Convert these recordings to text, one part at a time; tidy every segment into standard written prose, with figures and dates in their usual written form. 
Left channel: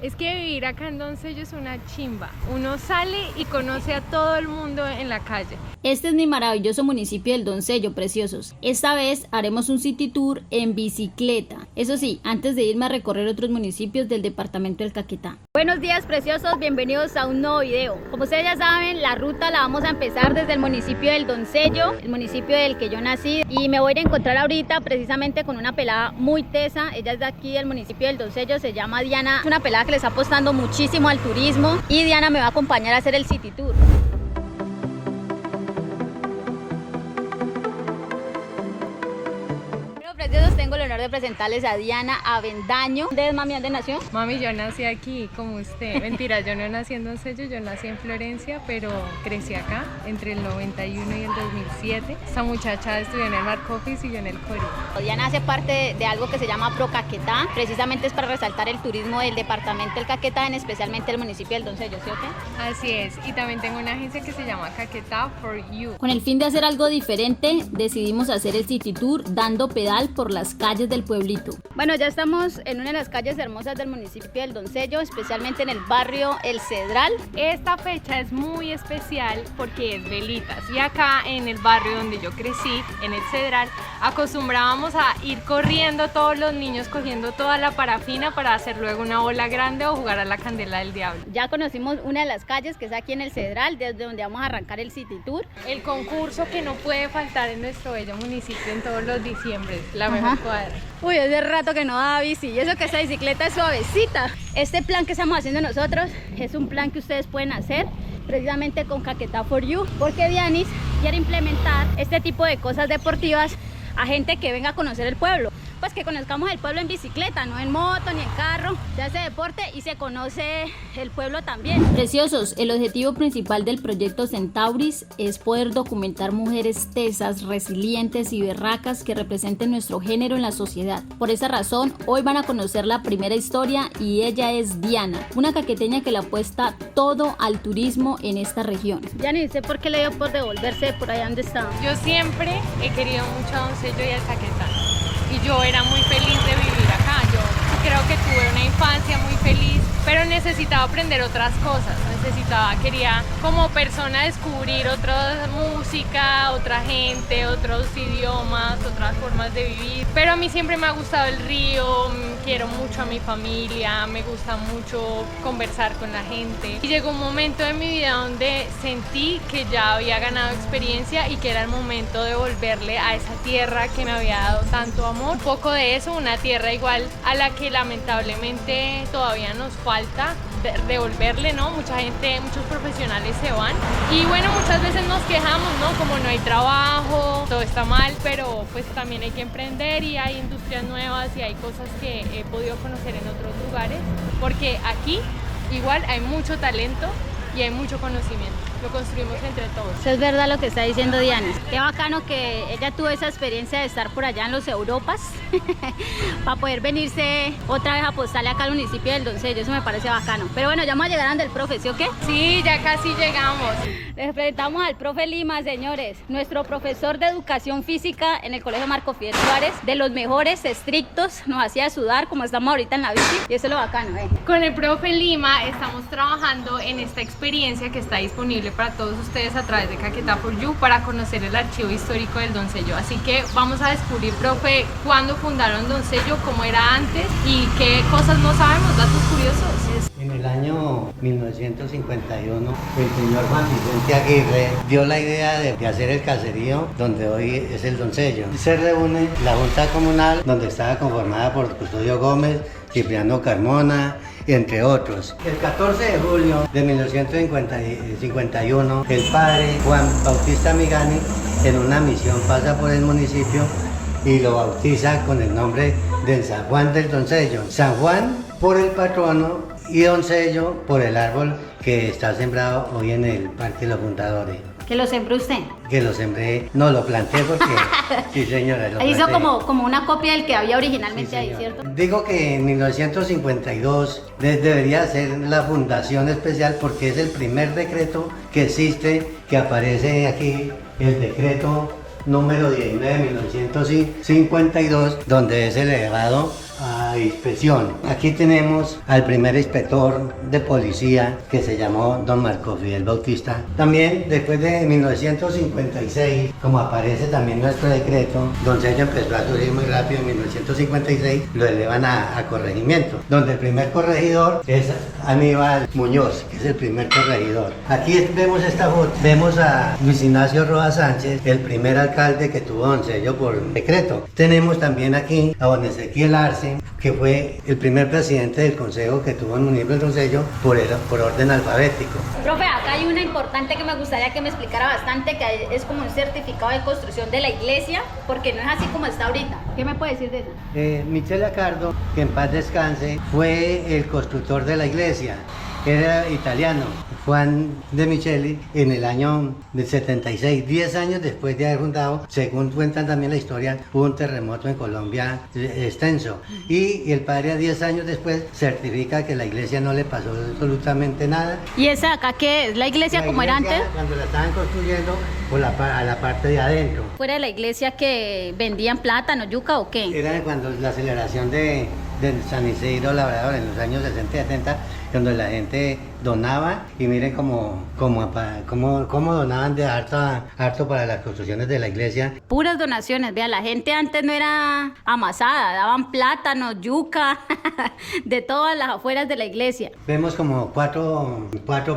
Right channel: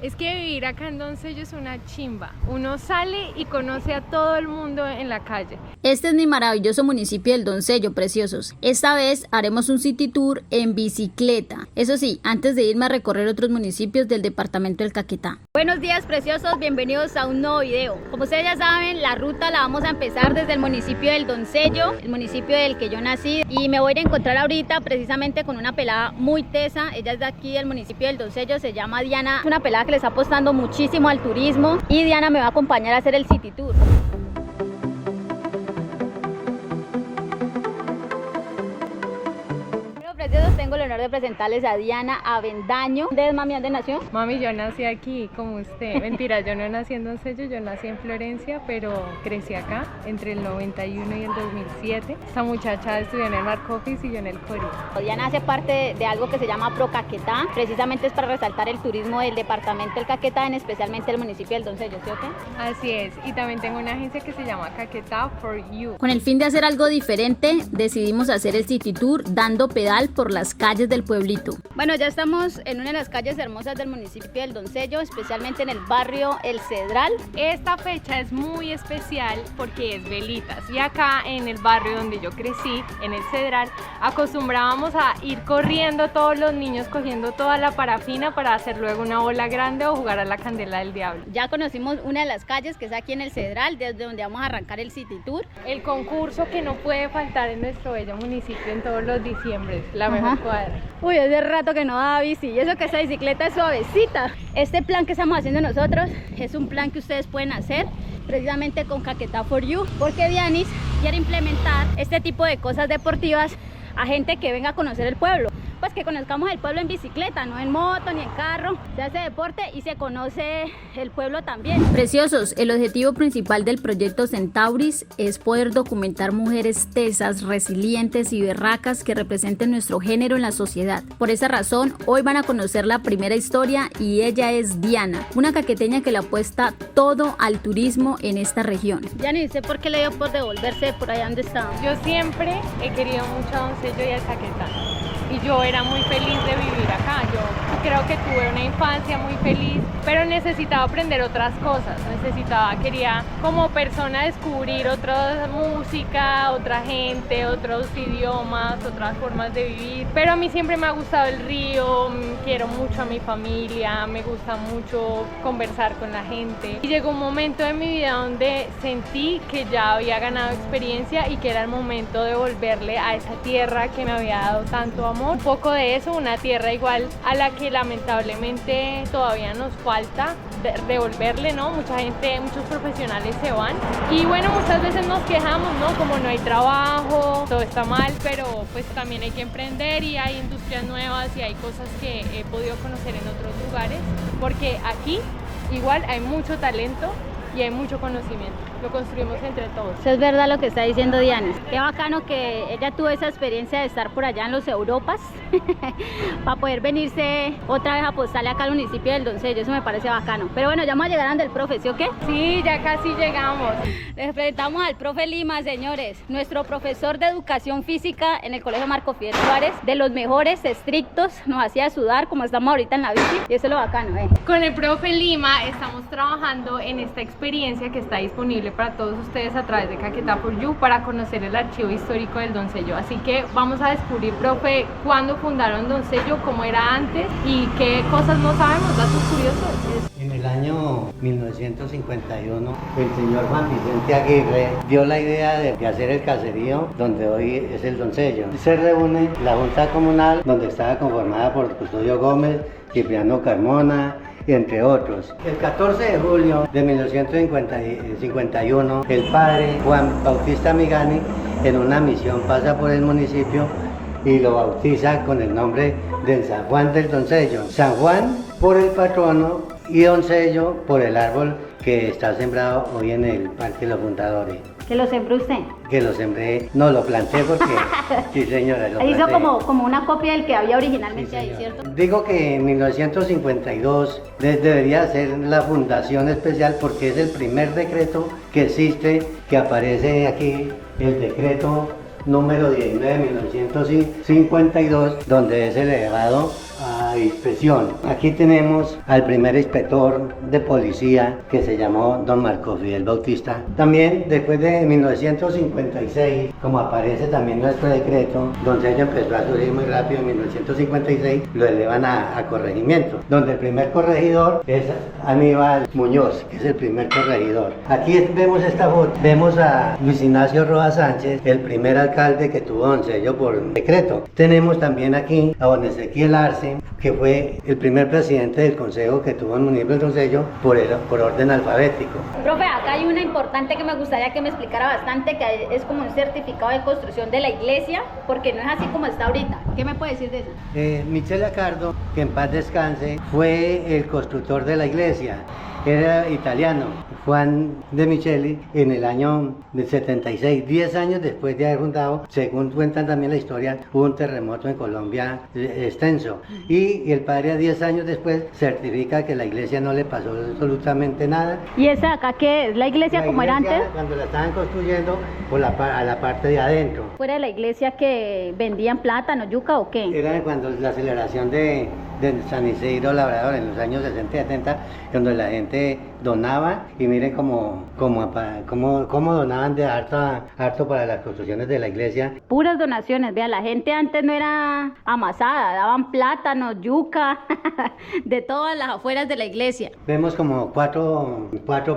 Es que vivir acá en Doncello es una chimba. Uno sale y conoce a todo el mundo en la calle. Este es mi maravilloso municipio del Doncello, preciosos. Esta vez haremos un city tour en bicicleta. Eso sí, antes de irme a recorrer otros municipios del departamento del Caquetá. Buenos días, preciosos. Bienvenidos a un nuevo video. Como ustedes ya saben, la ruta la vamos a empezar desde el municipio del Doncello, el municipio del que yo nací. Y me voy a encontrar ahorita precisamente con una pelada muy tesa. Ella es de aquí del municipio del Doncello, se llama Diana. Es una pelada que le está apostando muchísimo al turismo y Diana me va a acompañar a hacer el city tour. Preciosos, tengo el honor de presentarles a Diana Avendaño. ¿Dónde es, mami? ¿Dónde nació? Mami, yo nací aquí, como usted. Mentira, yo no nací en Doncello, yo nací en Florencia, pero crecí acá entre el 91 y el 2007. Esta muchacha estudió en el Marcoffice y yo en el Cori. Diana hace parte de algo que se llama Pro Caquetá. Precisamente es para resaltar el turismo del departamento del Caquetá, en especialmente el municipio del Doncello, ¿sí o qué? Así es, y también tengo una agencia que se llama Caquetá for You. Con el fin de hacer algo diferente, decidimos hacer el city tour dando pedal por las calles del pueblito. Bueno, ya estamos en una de las calles hermosas del municipio del Doncello, especialmente en el barrio El Cedral. Esta fecha es muy especial porque es velitas y acá en el barrio donde yo crecí, en el Cedral, acostumbrábamos a ir corriendo todos los niños cogiendo toda la parafina para hacer luego una bola grande o jugar a la candela del diablo. Ya conocimos una de las calles que es aquí en el Cedral, desde donde vamos a arrancar el city tour. El concurso que no puede faltar en nuestro bello municipio en todos los diciembres, la mejor cuadra. Uy, hace rato que no daba bici y eso que esta bicicleta es suavecita. Este plan que estamos haciendo nosotros es un plan que ustedes pueden hacer precisamente con Caquetá for You, porque Dianis quiere implementar este tipo de cosas deportivas a gente que venga a conocer el pueblo. Pues que conozcamos el pueblo en bicicleta, no en moto ni en carro. Se hace deporte y se conoce el pueblo también. Preciosos, el objetivo principal del proyecto Centauris es poder documentar mujeres tesas, resilientes y berracas que representen nuestro género en la sociedad. Por esa razón, hoy van a conocer la primera historia y ella es Diana, una caqueteña que le apuesta todo al turismo en esta región. Ya ni sé por qué le dio por devolverse por allá donde estaba. Yo siempre he querido mucho a Doncello y al Caquetá. Y yo era muy feliz de vivir acá. Yo creo que tuve una infancia muy feliz, pero necesitaba aprender otras cosas. Quería como persona descubrir otra música, otra gente, otros idiomas, otras formas de vivir. Pero a mí siempre me ha gustado el río, quiero mucho a mi familia, me gusta mucho conversar con la gente. Y llegó un momento en mi vida donde sentí que ya había ganado experiencia y que era el momento de volverle a esa tierra que me había dado tanto amor. Un poco de eso, una tierra igual a la que lamentablemente todavía nos falta devolverle, ¿no? Mucha gente, muchos profesionales se van y bueno, muchas veces nos quejamos, ¿no? Como no hay trabajo, todo está mal, pero pues también hay que emprender y hay industrias nuevas y hay cosas que he podido conocer en otros lugares, porque aquí igual hay mucho talento y hay mucho conocimiento, lo construimos entre todos. Eso es verdad lo que está diciendo Diana. Qué bacano que ella tuvo esa experiencia de estar por allá en los Europas para poder venirse otra vez a apostarle acá al municipio del Doncello. Eso me parece bacano. Pero bueno, ya vamos a llegar al profe, ¿sí o qué? Sí, ya casi llegamos. Les presentamos al profe Lima, señores, nuestro profesor de educación física en el colegio Marco Fidel Suárez, de los mejores, estrictos, nos hacía sudar como estamos ahorita en la bici y eso es lo bacano, Con el profe Lima estamos trabajando en esta experiencia que está disponible para todos ustedes a través de Caquetá for You para conocer el archivo histórico del Doncello. Así que vamos a descubrir, profe, cuándo fundaron Doncello, cómo era antes y qué cosas no sabemos, datos curiosos. En el año 1951, el señor Juan Vicente Aguirre dio la idea de hacer el caserío donde hoy es el Doncello. Se reúne la Junta Comunal, donde estaba conformada por Custodio Gómez, Cipriano Carmona, entre otros. El 14 de julio de 1951, el padre Juan Bautista Migani, en una misión, pasa por el municipio y lo bautiza con el nombre de San Juan del Doncello. San Juan por el patrono y Doncello por el árbol que está sembrado hoy en el Parque de los Fundadores. ¿Que lo sembró usted? Que lo sembré, no lo planté porque, sí señora, lo hizo planté. como una copia del que había originalmente Sí, ahí, señora. ¿cierto? Digo que en 1952 debería ser la fundación especial porque es el primer decreto que existe, que aparece aquí, el decreto número 19 de 1952, donde es elevado a inspección. Aquí tenemos al primer inspector de policía que se llamó don Marco Fidel Bautista. También después de 1956, como aparece también nuestro decreto, Doncello empezó a subir muy rápido. En 1956 lo elevan a corregimiento, donde el primer corregidor es Aníbal Muñoz, que es el primer corregidor. Aquí vemos esta foto, vemos a Luis Ignacio Rojas Sánchez, el primer alcalde que tuvo Doncello por decreto. Tenemos también aquí a don Ezequiel Arce, que fue el primer presidente del consejo que tuvo el municipio de Doncello por orden alfabético. Profe, acá hay una importante que me gustaría que me explicara bastante, que es como un certificado de construcción de la iglesia, porque no es así como está ahorita. ¿Qué me puede decir de eso? Michele Accardo, que en paz descanse, fue el constructor de la iglesia. Era italiano, Juan de Micheli, en el año del 76, 10 años después de haber fundado, según cuentan también la historia, hubo un terremoto en Colombia extenso. Y el padre, 10 años después, certifica que la iglesia no le pasó absolutamente nada. ¿Y esa acá qué es? ¿La iglesia como era antes? Cuando la estaban construyendo, a la parte de adentro. ¿Fuera de la iglesia que vendían plátano, yuca o qué? Era cuando la celebración de San Isidro Labrador en los años 60 y 70, donde la gente donaba, y miren cómo donaban de harto para las construcciones de la iglesia. Puras donaciones, vea, la gente antes no era amasada, daban plátano, yuca, de todas las afueras de la iglesia. Vemos como cuatro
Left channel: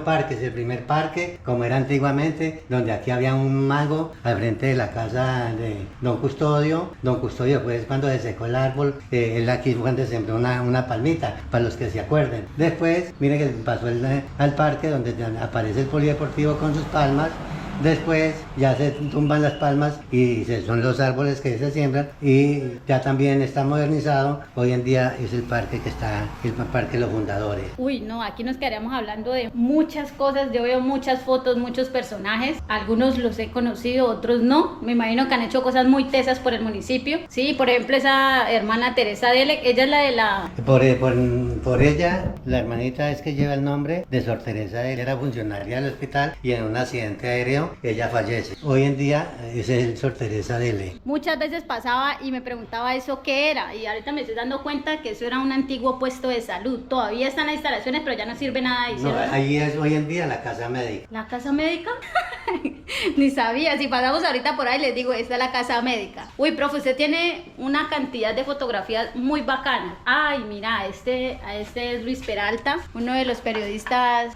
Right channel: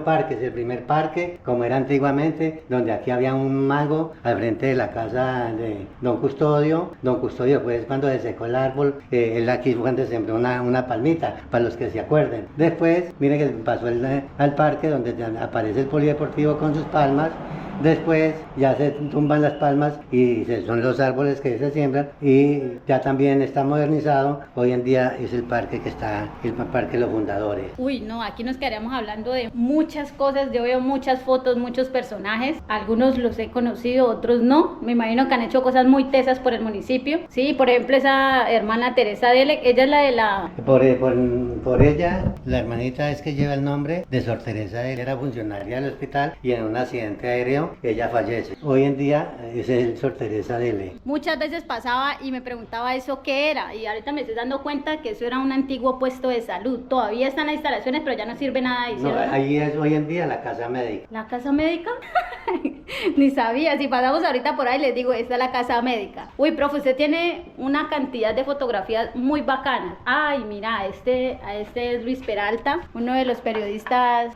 parques. El primer parque, como era antiguamente, donde aquí había un mago al frente de la casa de Don Custodio. Don Custodio, pues, cuando se secó el árbol, él aquí fue cuando sembró una palmita, para los que se acuerden. Después, miren que pasó al parque donde aparece el polideportivo con sus palmas. Después ya se tumban las palmas y son los árboles que se siembran, y ya también está modernizado. Hoy en día es el parque que está, el Parque de los Fundadores. Uy, no, aquí nos quedaríamos hablando de muchas cosas. Yo veo muchas fotos, muchos personajes. Algunos los he conocido, otros no. Me imagino que han hecho cosas muy tesas por el municipio. Sí, por ejemplo, esa hermana Teresa Dele, ella es la de la... Por ella, la hermanita es que lleva el nombre de Sor Teresa Dele. Era funcionaria del hospital y en un accidente aéreo ella fallece. Hoy en día es el Sor Teresa Dele. Muchas veces pasaba y me preguntaba eso qué era, y ahorita me estoy dando cuenta que eso era un antiguo puesto de salud. Todavía están las instalaciones, pero ya no sirve nada ahí. No, ahí es hoy en día la casa médica. ¿La casa médica? Ni sabía. Si pasamos ahorita por ahí les digo, esta es la casa médica. Uy, profe, usted tiene una cantidad de fotografías muy bacanas. Ay, mira, este es Luis Peralta, uno de los periodistas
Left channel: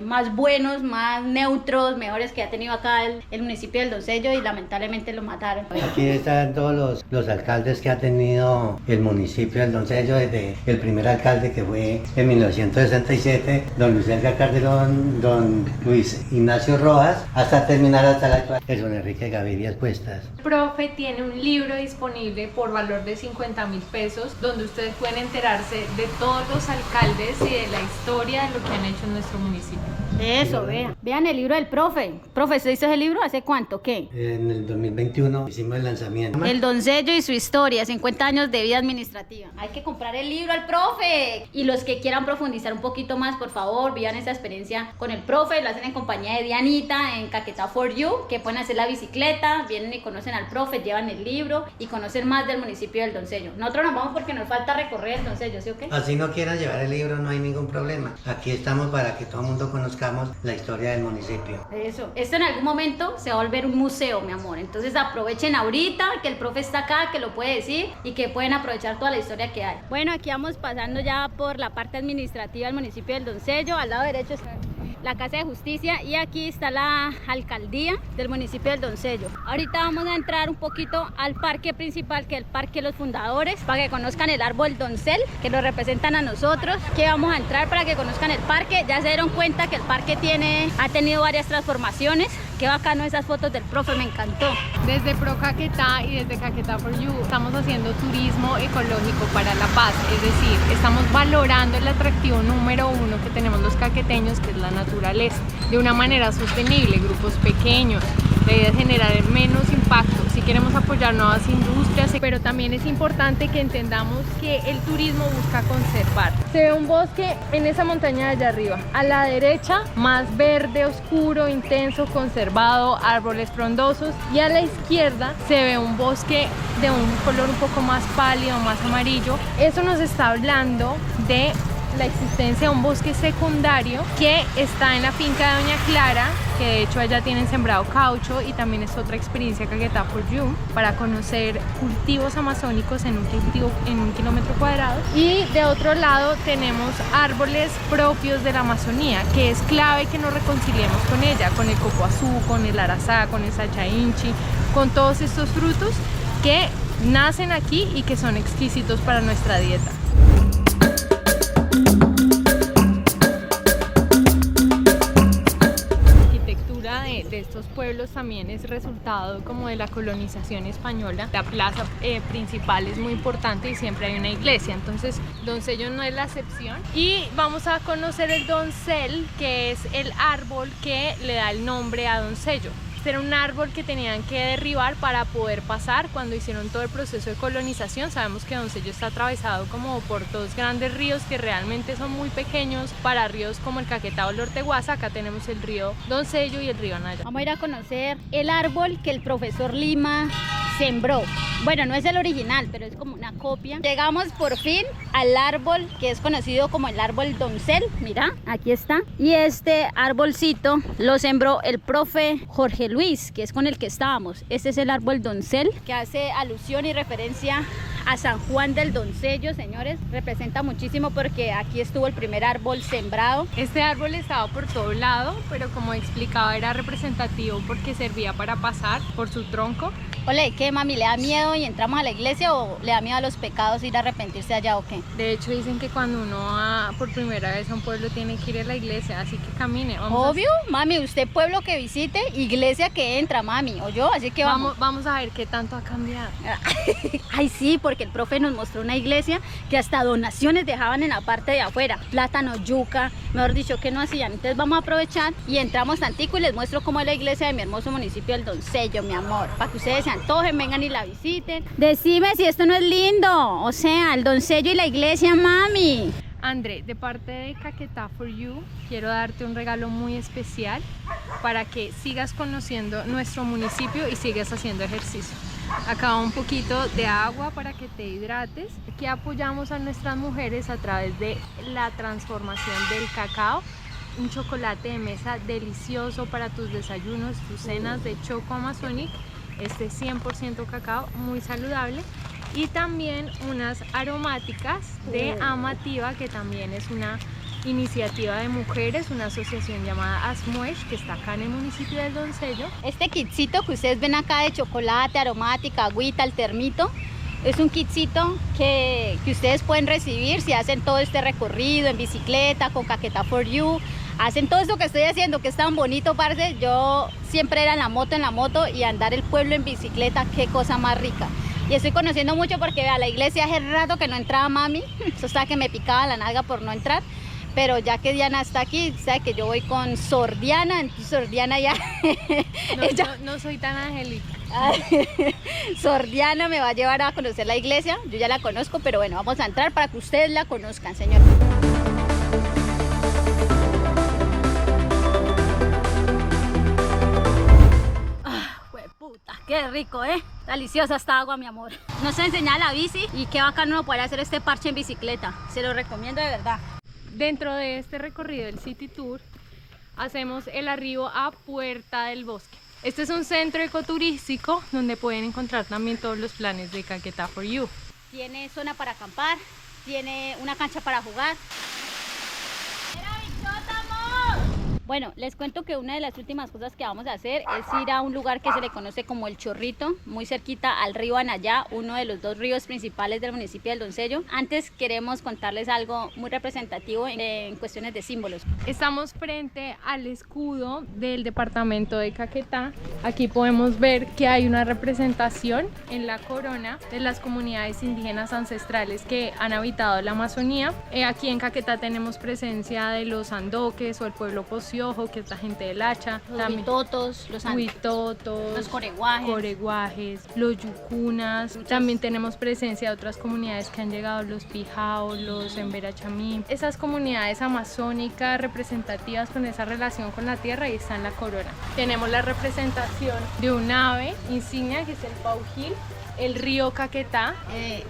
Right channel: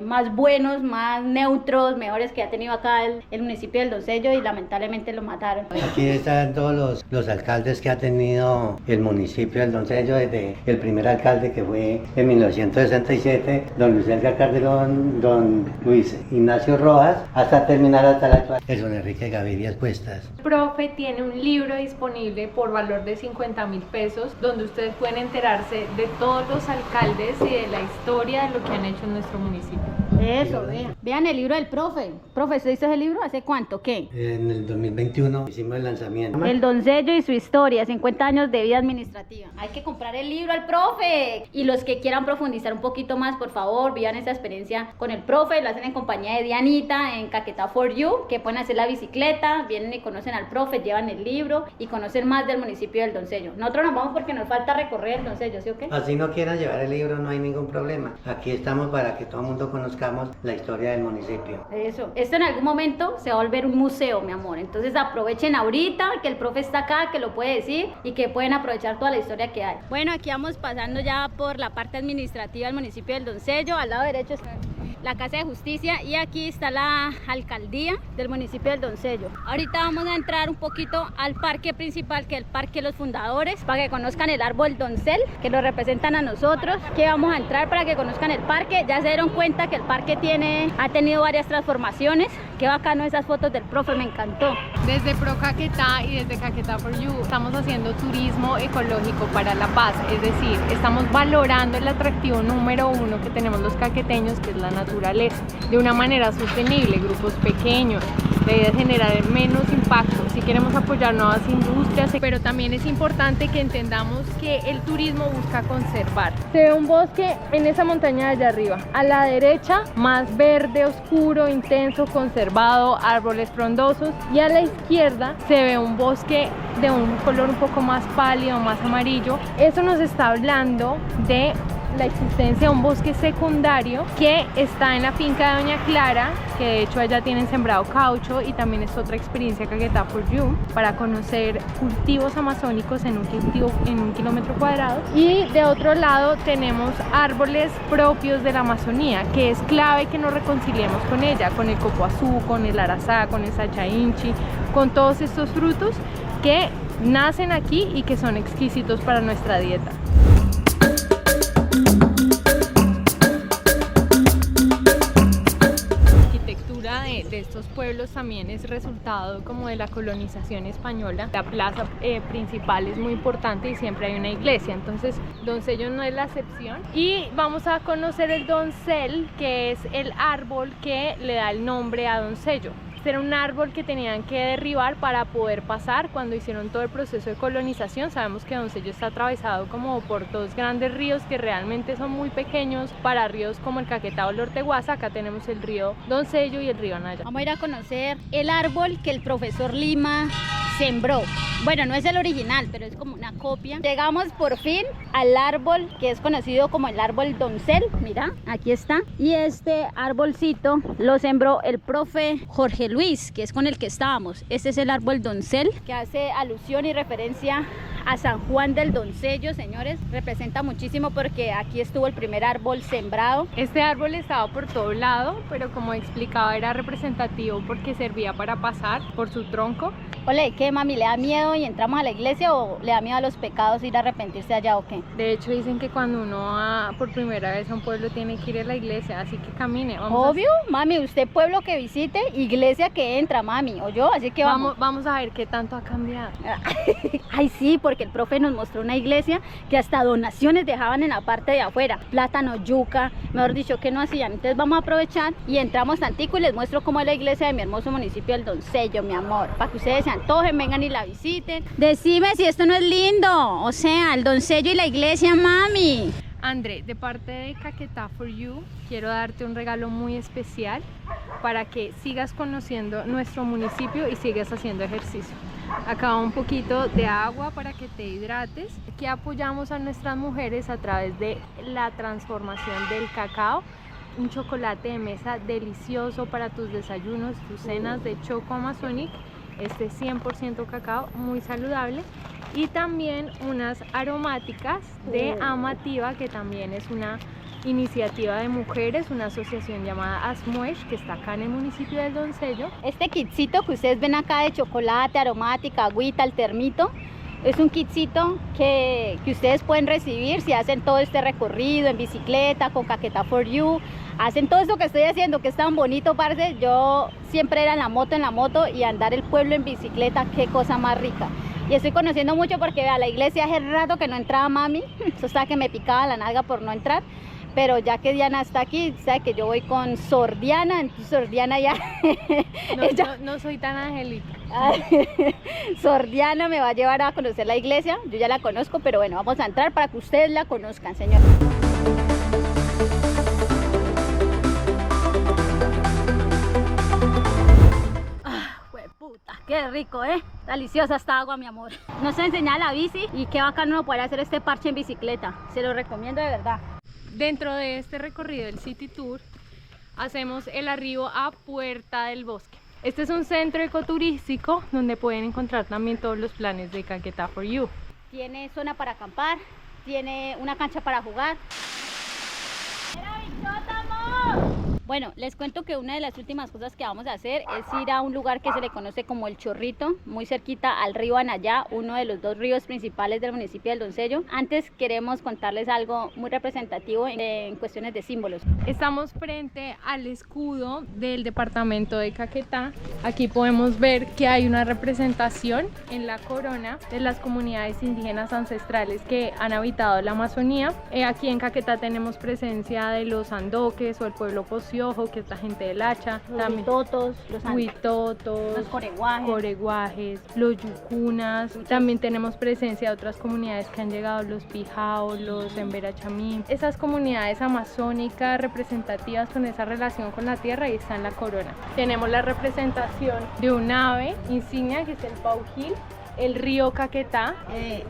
más buenos, más neutros, mejores que ha tenido acá el municipio del Doncello, y lamentablemente lo mataron. Aquí están todos los alcaldes que ha tenido el municipio del Doncello, desde el primer alcalde, que fue en 1967, don Luis Edgar Calderón, don Luis Ignacio Rojas, hasta terminar hasta la actual, el don Enrique Gaviria Cuestas. El profe tiene un libro disponible por valor de 50.000 pesos, donde ustedes pueden enterarse de todos los alcaldes y de la historia de lo que han hecho en nuestro municipio. Eso, vean el libro del profe. Profe, ¿usted hizo ese libro hace cuánto? ¿Qué? En el 2021 hicimos el lanzamiento. El Doncello y su historia, 50 años de vida administrativa. Hay que comprar el libro al profe. Y los que quieran profundizar un poquito más, por favor, vivan esa experiencia con el profe. Lo hacen en compañía de Dianita en Caquetá for You, que pueden hacer la bicicleta, vienen y conocen al profe, llevan el libro y conocen más del municipio del Doncello. Nosotros nos vamos porque nos falta recorrer el Doncello, ¿sí o qué? Así no quieran llevar el libro, no hay ningún problema. Aquí estamos para que todo el mundo conozca la historia del municipio. Eso. Esto en algún momento se va a volver un museo, mi amor. Entonces aprovechen ahorita que el profe está acá, que lo puede decir, y que pueden aprovechar toda la historia que hay. Bueno, aquí vamos pasando ya por la parte administrativa del municipio del Doncello. Al lado derecho está la Casa de Justicia y aquí está la alcaldía del municipio del Doncello. Ahorita vamos a entrar un poquito al parque principal, que es el Parque de los Fundadores, para que conozcan el árbol doncel, que lo representan a nosotros. Que vamos a entrar para que conozcan el parque. Ya se dieron cuenta que el parque ha tenido varias transformaciones. Qué bacano esas fotos del profe, me encantó. Desde Pro Caquetá y desde Caquetá for You estamos haciendo turismo ecológico para la paz, es decir, estamos valorando el atractivo número uno que tenemos los caqueteños, que es la naturaleza, de una manera sostenible, grupos pequeños, La idea es generar menos impacto. Si queremos apoyar nuevas industrias, pero también es importante que entendamos que el turismo busca conservar. Se ve un bosque en esa montaña de allá arriba. A la derecha, más verde, oscuro, intenso, conservado, árboles frondosos. Y a la izquierda se ve un bosque de un color un poco más pálido, más amarillo. Eso nos está hablando de la existencia de un bosque secundario que está en la finca de Doña Clara, que de hecho allá tienen sembrado caucho, y también es otra experiencia Caquetá for You para conocer cultivos amazónicos en un kilómetro cuadrado. Y de otro lado tenemos árboles propios de la Amazonía, que es clave que nos reconciliemos con ella, con el copoazú, con el arazá, con el sachainchi, con todos estos frutos que nacen aquí y que son exquisitos para nuestra dieta. De estos pueblos también es resultado como de la colonización española. La plaza principal es muy importante y siempre hay una iglesia, entonces Doncello no es la excepción. Y vamos a conocer el doncel, que es el árbol que le da el nombre a Doncello. Era un árbol que tenían que derribar para poder pasar cuando hicieron todo el proceso de colonización. Sabemos que Doncello está atravesado como por dos grandes ríos que realmente son muy pequeños para ríos como el Caquetá o el Orteguaza. Acá tenemos el río Doncello y el río Anaya. Vamos a ir a conocer el árbol que el profesor Lima sembró. Bueno, no es el original, pero es como una copia. Llegamos por fin al árbol que es conocido como el árbol doncel. Mira, aquí está. Y este arbolcito lo sembró el profe Jorge Luis, que es con el que estábamos. Este es el árbol doncel, que hace alusión y referencia a San Juan del Doncello, señores. Representa muchísimo porque aquí estuvo el primer árbol sembrado. Este árbol estaba por todo lado, pero como explicaba era representativo porque servía para pasar por su tronco. Ole, ¿qué, mami? ¿Le da miedo y entramos a la iglesia o le da miedo a los pecados ir a arrepentirse allá o qué? De hecho dicen que cuando uno va por primera vez a un pueblo tiene que ir a la iglesia, así que camine. Obvio, mami, usted pueblo que visite, iglesia que entra, mami, o yo, así que vamos a ver qué tanto ha cambiado. Ay, sí, porque el profe nos mostró una iglesia que hasta donaciones dejaban en la parte de afuera, plátano, yuca, mejor dicho, que no hacían. Entonces vamos a aprovechar y entramos tantico y les muestro cómo es la iglesia de mi hermoso municipio del Doncello, mi amor, para que ustedes se antojen, vengan y la visiten. Decime si esto no es lindo, o sea, el Doncello y la iglesia, mami. André, de parte de Caquetá for You, quiero darte un regalo muy especial para que sigas conociendo nuestro municipio y sigas haciendo ejercicio. Acá va un poquito de agua para que te hidrates. Aquí apoyamos a nuestras mujeres a través de la transformación del cacao, un chocolate de mesa delicioso para tus desayunos, tus cenas de Choco Amazonic, este 100% cacao, muy saludable. Y también unas aromáticas de Amativa, que también es una iniciativa de mujeres, una asociación llamada Asmuesh, que está acá en el municipio del Doncello. Este kitcito que ustedes ven acá de chocolate, aromática, agüita, el termito, es un kitcito que ustedes pueden recibir si hacen todo este recorrido en bicicleta, con Caquetá for You. Hacen todo esto que estoy haciendo, que es tan bonito, parce. Yo siempre era en la moto y andar el pueblo en bicicleta, qué cosa más rica. Y estoy conociendo mucho porque vea, la iglesia hace rato que no entraba mami, eso estaba que me picaba la nalga por no entrar, pero ya que Diana está aquí, sabe que yo voy con Sor Diana, entonces Sor Diana ya... No soy tan angélica. Sor Diana me va a llevar a conocer la iglesia, yo ya la conozco, pero bueno, vamos a entrar para que ustedes la conozcan, señor. Qué rico, deliciosa esta agua, mi amor. Nos enseña la bici y qué bacano uno poder hacer este parche en bicicleta. Se lo recomiendo de verdad. Dentro de este recorrido del City Tour hacemos el arribo a Puerta del Bosque. Este es un centro ecoturístico donde pueden encontrar también todos los planes de Caquetá for You. Tiene zona para acampar, tiene una cancha para jugar. Bueno, les cuento que una de las últimas cosas que vamos a hacer es ir a un lugar que se le conoce como El Chorrito, muy cerquita al río Anaya, uno de los dos ríos principales del municipio del Doncello. Antes queremos contarles algo muy representativo en cuestiones de símbolos. Estamos frente al escudo del departamento de Caquetá. Aquí podemos ver que hay una representación en la corona de las comunidades indígenas ancestrales que han habitado la Amazonía. Aquí en Caquetá tenemos presencia de los andoques o el pueblo Pocio, Piojo, que es la gente del Hacha, Los huitotos, los huitotos, los coreguajes, los yucunas. También tenemos presencia de otras comunidades que han llegado, los Pijao, los Emberachamí. Esas comunidades amazónicas representativas con esa relación con la tierra, y está en la corona. Tenemos la representación de un ave insignia que es el paujil, el río Caquetá.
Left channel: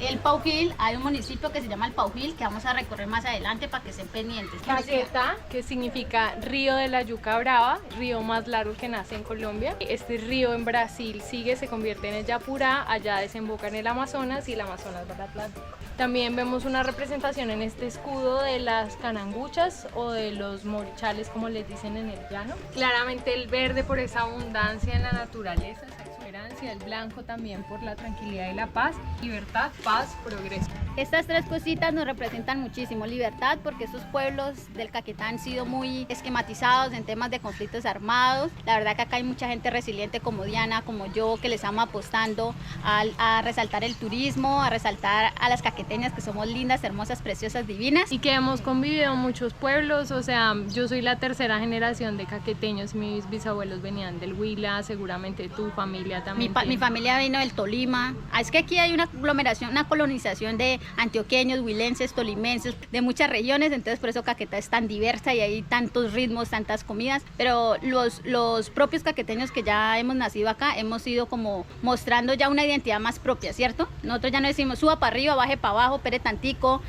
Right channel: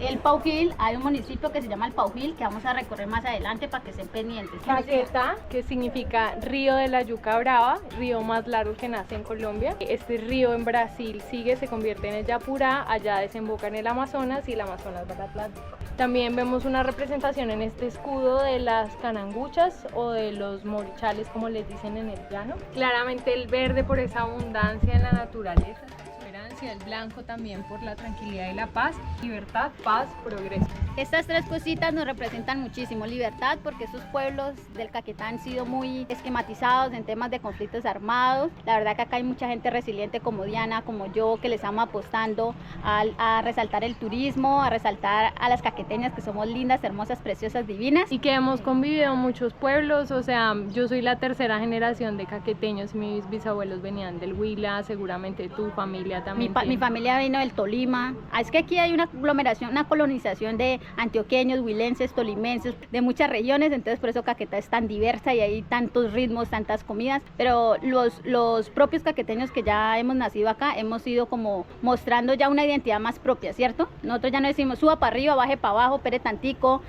El Paujil, hay un municipio que se llama el Paujil que vamos a recorrer más adelante para que estén pendientes. Caquetá, que significa río de la yuca brava, río más largo que nace en Colombia. Este río en Brasil sigue, se convierte en el Yapurá, allá desemboca en el Amazonas y el Amazonas va al Atlántico. También vemos una representación en este escudo de las cananguchas o de los morichales, como les dicen en el llano. Claramente el verde por esa abundancia en la naturaleza, esa exuberancia, el blanco también por la tranquilidad y la paz, libertad, paz, progreso. Estas tres cositas nos representan muchísimo. Libertad, porque estos pueblos del Caquetá han sido muy esquematizados en temas de conflictos armados. La verdad que acá hay mucha gente resiliente como Diana, como yo, que le estamos apostando a resaltar el turismo, a resaltar a las caqueteñas, que somos lindas, hermosas, preciosas, divinas. Y que hemos convivido en muchos pueblos, o sea, yo soy la tercera generación de caqueteños, mis bisabuelos venían del Huila, seguramente tu familia también. Mi familia vino del Tolima. Es que aquí hay una aglomeración, una colonización de antioqueños, huilenses, tolimenses, de muchas regiones, entonces por eso Caquetá es tan diversa y hay tantos ritmos, tantas comidas, pero los propios caqueteños que ya hemos nacido acá, hemos ido como mostrando ya una identidad más propia, ¿cierto? Nosotros ya no decimos suba para arriba, baje para abajo, pere tantico,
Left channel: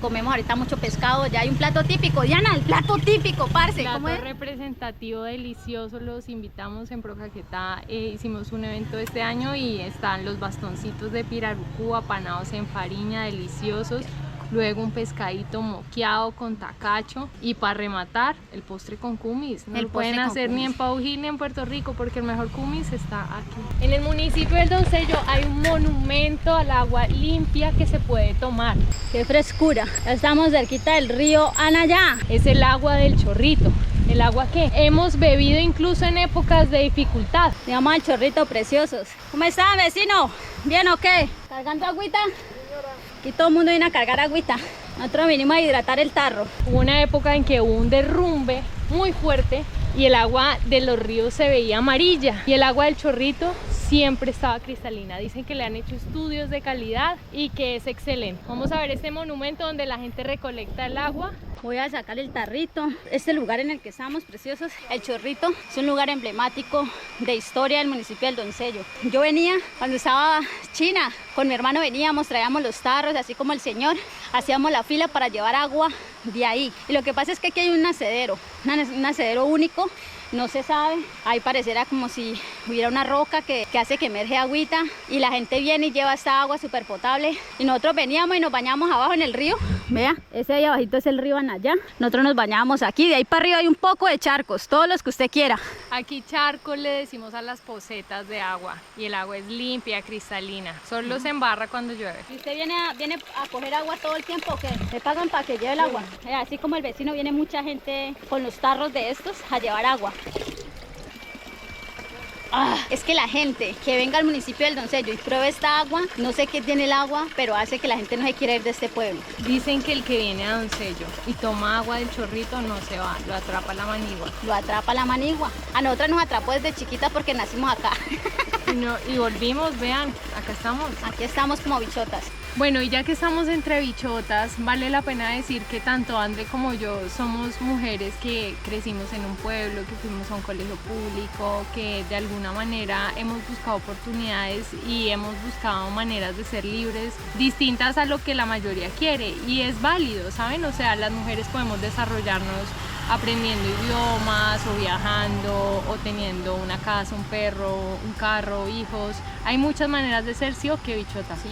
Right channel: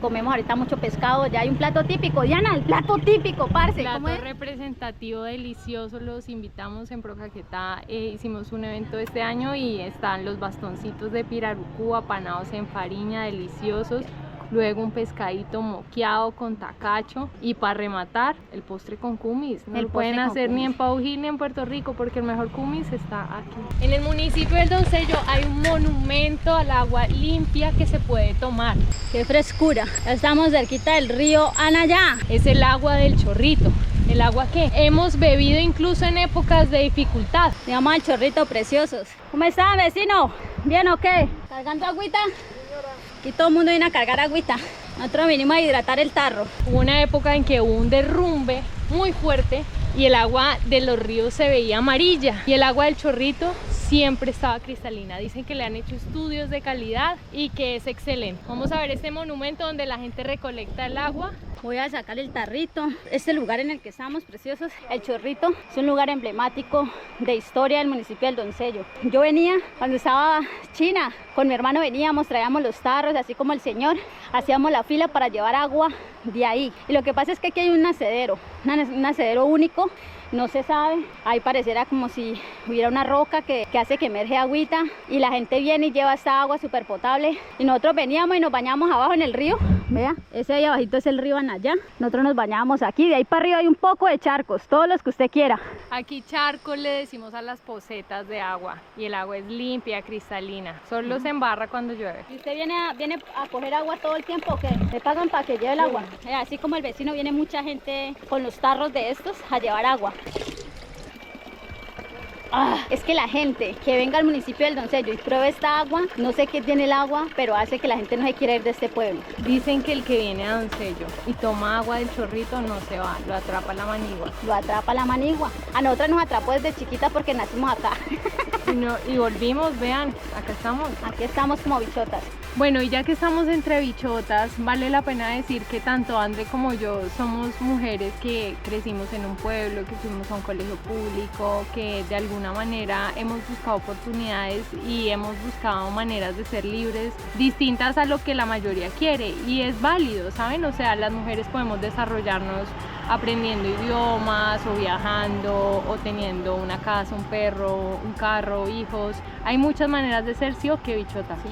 comemos ahorita mucho pescado, ya hay un plato típico. Diana, el plato típico, parce, plato ¿cómo es? Representativo, delicioso, los invitamos en Procaquetá, hicimos un evento este año y están los bastoncitos de pirarucú apanados en farina, deliciosos, luego un pescadito moqueado con tacacho y para rematar el postre con kumis. No lo pueden hacer ni en Paujil ni en Puerto Rico porque el mejor kumis está aquí. En el municipio del Doncello hay un monumento al agua limpia que se puede tomar. ¡Qué frescura! Ya estamos cerquita del río Anayá. Es el agua del Chorrito. El agua que hemos bebido incluso en épocas de dificultad. Se llama el Chorrito, preciosos. ¿Cómo está, vecino? ¿Bien o qué? ¿Cargando agüita? Aquí todo el mundo viene a cargar agüita. Nosotros vinimos a hidratar el tarro. Hubo una época en que hubo un derrumbe muy fuerte y el agua de los ríos se veía amarilla y el agua del Chorrito siempre estaba cristalina. Dicen que le han hecho estudios de calidad y que es excelente. Vamos a ver este monumento donde la gente recolecta el agua. Voy a sacar el tarrito. Este lugar en el que estamos, preciosos, el Chorrito, es un lugar emblemático de historia del municipio del Doncello. Yo venía cuando estaba china, con mi hermano veníamos, traíamos los tarros, así como el señor, hacíamos la fila para llevar agua de ahí. Y lo que pasa es que aquí hay un nacedero, un nacedero único. No se sabe, ahí pareciera como si hubiera una roca que hace que emerge agüita y la gente viene y lleva esta agua súper potable y nosotros veníamos y nos bañamos abajo en el río. Vea, ese ahí abajito es el río Anayá. Nosotros nos bañábamos aquí, de ahí para arriba hay un poco de charcos, todos los que usted quiera. Aquí charcos le decimos a las pocetas de agua y el agua es limpia, cristalina, solo se embarra cuando llueve. ¿Y usted viene a coger agua todo el tiempo o qué? ¿Le pagan para que lleve el agua? Así como el vecino, viene mucha gente con los tarros de estos a llevar agua. Es que la gente que venga al municipio del Doncello y pruebe esta agua, no sé qué tiene el agua, pero hace que la gente no se quiera ir de este pueblo. Dicen que el que viene a Doncello y toma agua del Chorrito no se va, lo atrapa la manigua. Lo atrapa la manigua. A nosotras nos atrapó desde chiquita porque nacimos acá. Y volvimos, vean, acá estamos. Aquí estamos como bichotas. Bueno, y ya que estamos entre bichotas, vale la pena decir que tanto André como yo somos mujeres que crecimos en un pueblo, que fuimos a un colegio público, que de alguna manera hemos buscado oportunidades y hemos buscado maneras de ser libres distintas a lo que la mayoría quiere, y es válido, ¿saben? O sea, las mujeres podemos desarrollarnos aprendiendo idiomas o viajando o teniendo una casa, un perro, un carro, hijos. Hay muchas maneras de ser, sí o qué, bichota. Sí.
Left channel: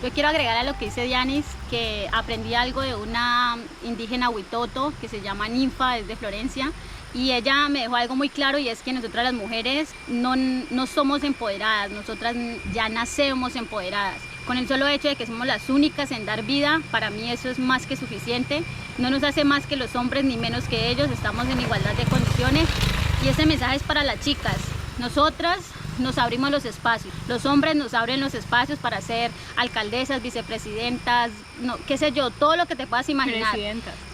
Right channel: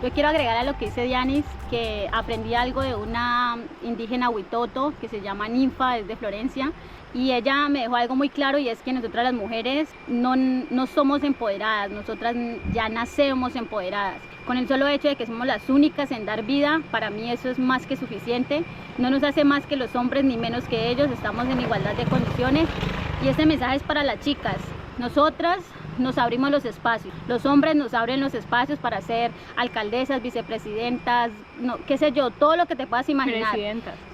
Yo quiero agregar a lo que dice Dianis, que aprendí algo de una indígena huitoto que se llama Ninfa, es de Florencia, y ella me dejó algo muy claro, y es que nosotras las mujeres no somos empoderadas, nosotras ya nacemos empoderadas. Con el solo hecho de que somos las únicas en dar vida, para mí eso es más que suficiente. No nos hace más que los hombres ni menos que ellos, estamos en igualdad de condiciones, y este mensaje es para las chicas. Nosotras nos abrimos los espacios, los hombres nos abren los espacios para ser alcaldesas, vicepresidentas, no, qué sé yo, todo lo que te puedas imaginar.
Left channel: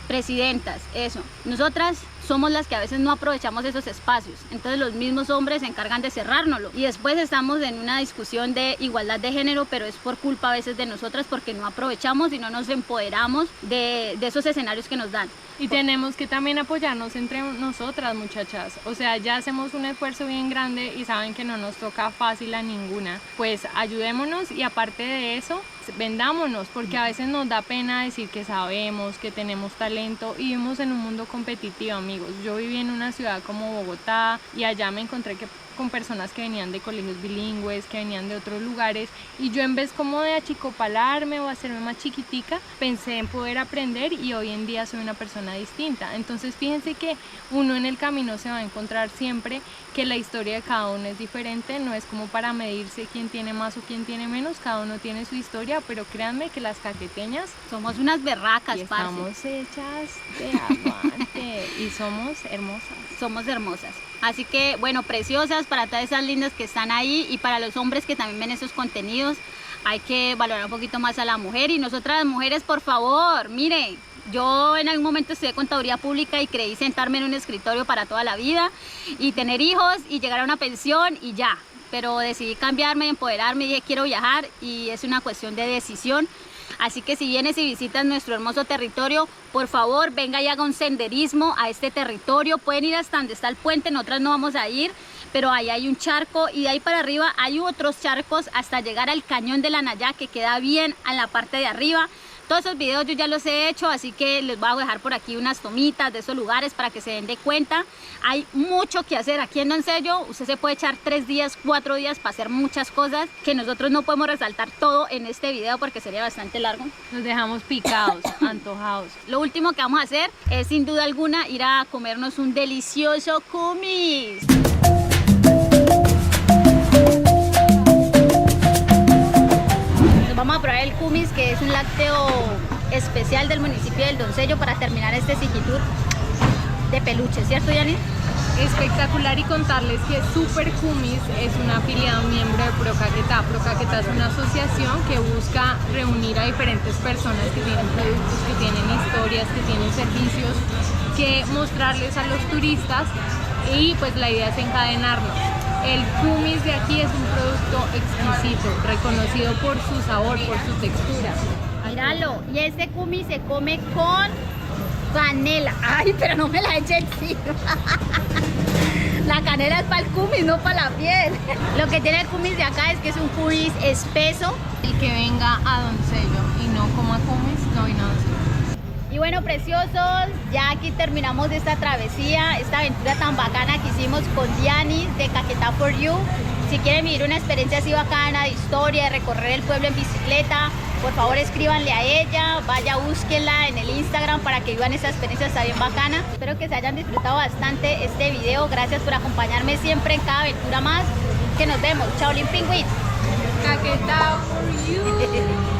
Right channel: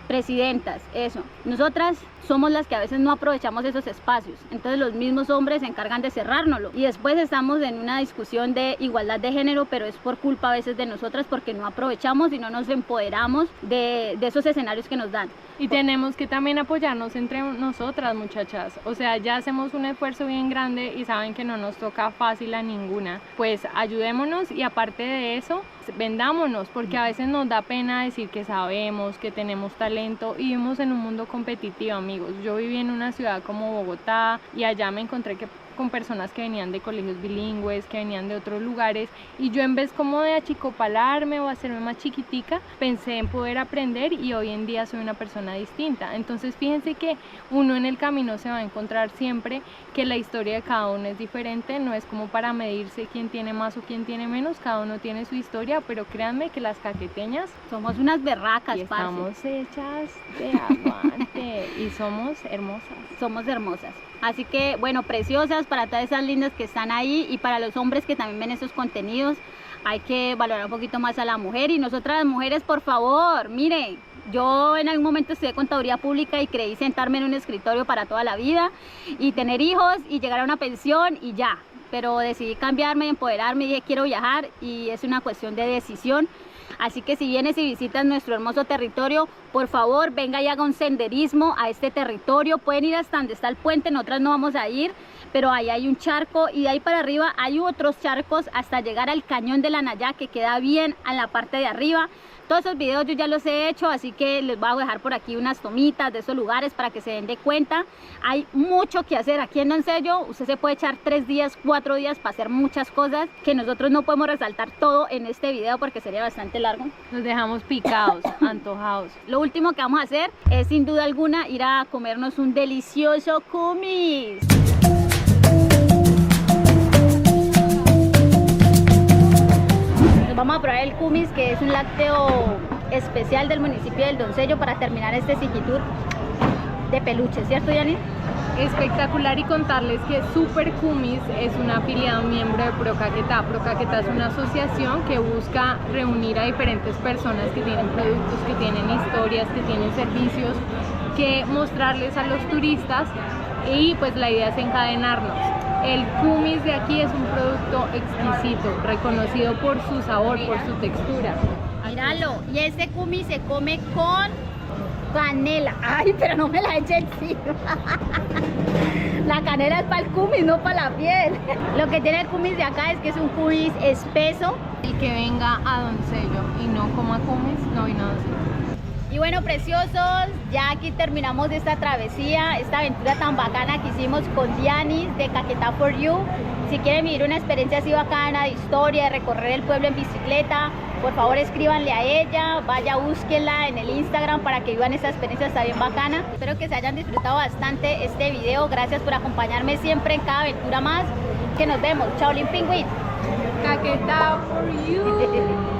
Presidentas, eso. Nosotras somos las que a veces no aprovechamos esos espacios, entonces los mismos hombres se encargan de cerrárnoslo y después estamos en una discusión de igualdad de género, pero es por culpa a veces de nosotras porque no aprovechamos y no nos empoderamos de esos escenarios que nos dan. Y tenemos que también apoyarnos entre nosotras, muchachas. O sea, ya hacemos un esfuerzo bien grande y saben que no nos toca fácil a ninguna. Pues ayudémonos y aparte de eso, vendámonos, porque a veces nos da pena decir que sabemos, que tenemos talento y vivimos en un mundo competitivo, amigos. Yo viví en una ciudad como Bogotá y allá me encontré con personas que venían de colegios bilingües, que venían de otros lugares y yo en vez como de achicopalarme o hacerme más chiquitica, pensé en poder aprender y hoy en día soy una persona distinta. Entonces fíjense que uno en el camino se va a encontrar siempre que la historia de cada uno es diferente, no es como para medirse quién tiene más o quién tiene menos, cada uno tiene su historia, pero créanme que las caqueteñas somos unas berracas, parce. Estamos hechas de aguante y somos hermosas. Somos hermosas. Así que, bueno, preciosas para todas esas lindas que están ahí y para los hombres que también ven esos contenidos, hay que valorar un poquito más a la mujer y nosotras las mujeres, por favor, miren, yo en algún momento estudié contaduría pública y creí sentarme en un escritorio para toda la vida y tener hijos y llegar a una pensión y ya, pero decidí cambiarme, empoderarme y dije quiero viajar y es una cuestión de decisión. Así que si vienes y visitas nuestro hermoso territorio, por favor venga y haga un senderismo a este territorio. Pueden ir hasta donde está el puente, nosotras no vamos a ir, pero ahí hay un charco y de ahí para arriba hay otros charcos hasta llegar al cañón de la Nayá que queda bien en la parte de arriba. Todos esos videos yo ya los he hecho, así que les voy a dejar por aquí unas tomitas de esos lugares para que se den de cuenta. Hay mucho que hacer aquí en Doncello, usted se puede echar 3 días, 4 días para hacer muchas cosas que nosotros no podemos resaltar todo en este video porque sería bastante largo. Nos dejamos picados, antojados. Lo último que vamos a hacer es sin duda alguna ir a comernos un delicioso kumis. Vamos a probar el kumis, que es un lácteo especial del municipio del Doncello para terminar este city tour de peluche, ¿cierto, Yanis? Espectacular y contarles que Super Kumis es un afiliado miembro de Procaquetá. Procaquetá es una asociación que busca reunir a diferentes personas que tienen productos, que tienen historias, que tienen servicios, que mostrarles a los turistas y pues la idea es encadenarnos. El kumis de aquí es un producto exquisito, reconocido por su sabor, por su textura. Míralo, y este kumis se come con canela. Ay, pero no me la eche encima. La canela es para el kumis, no para la piel. Lo que tiene el kumis de acá es que es un kumis espeso. El que venga a Doncello y no coma kumis, no vino a Doncello. Y bueno, preciosos, ya aquí terminamos esta travesía, esta aventura tan bacana que hicimos con Dianis de Caquetá for You. Si quieren vivir una experiencia así bacana de historia, de recorrer el pueblo en bicicleta, por favor escríbanle a ella, vaya, búsquenla en el Instagram para que vivan esa experiencia, está bien bacana. Espero que se hayan disfrutado bastante este video, gracias por acompañarme siempre en cada aventura más, que nos vemos, chao Limping With Caquetá for You.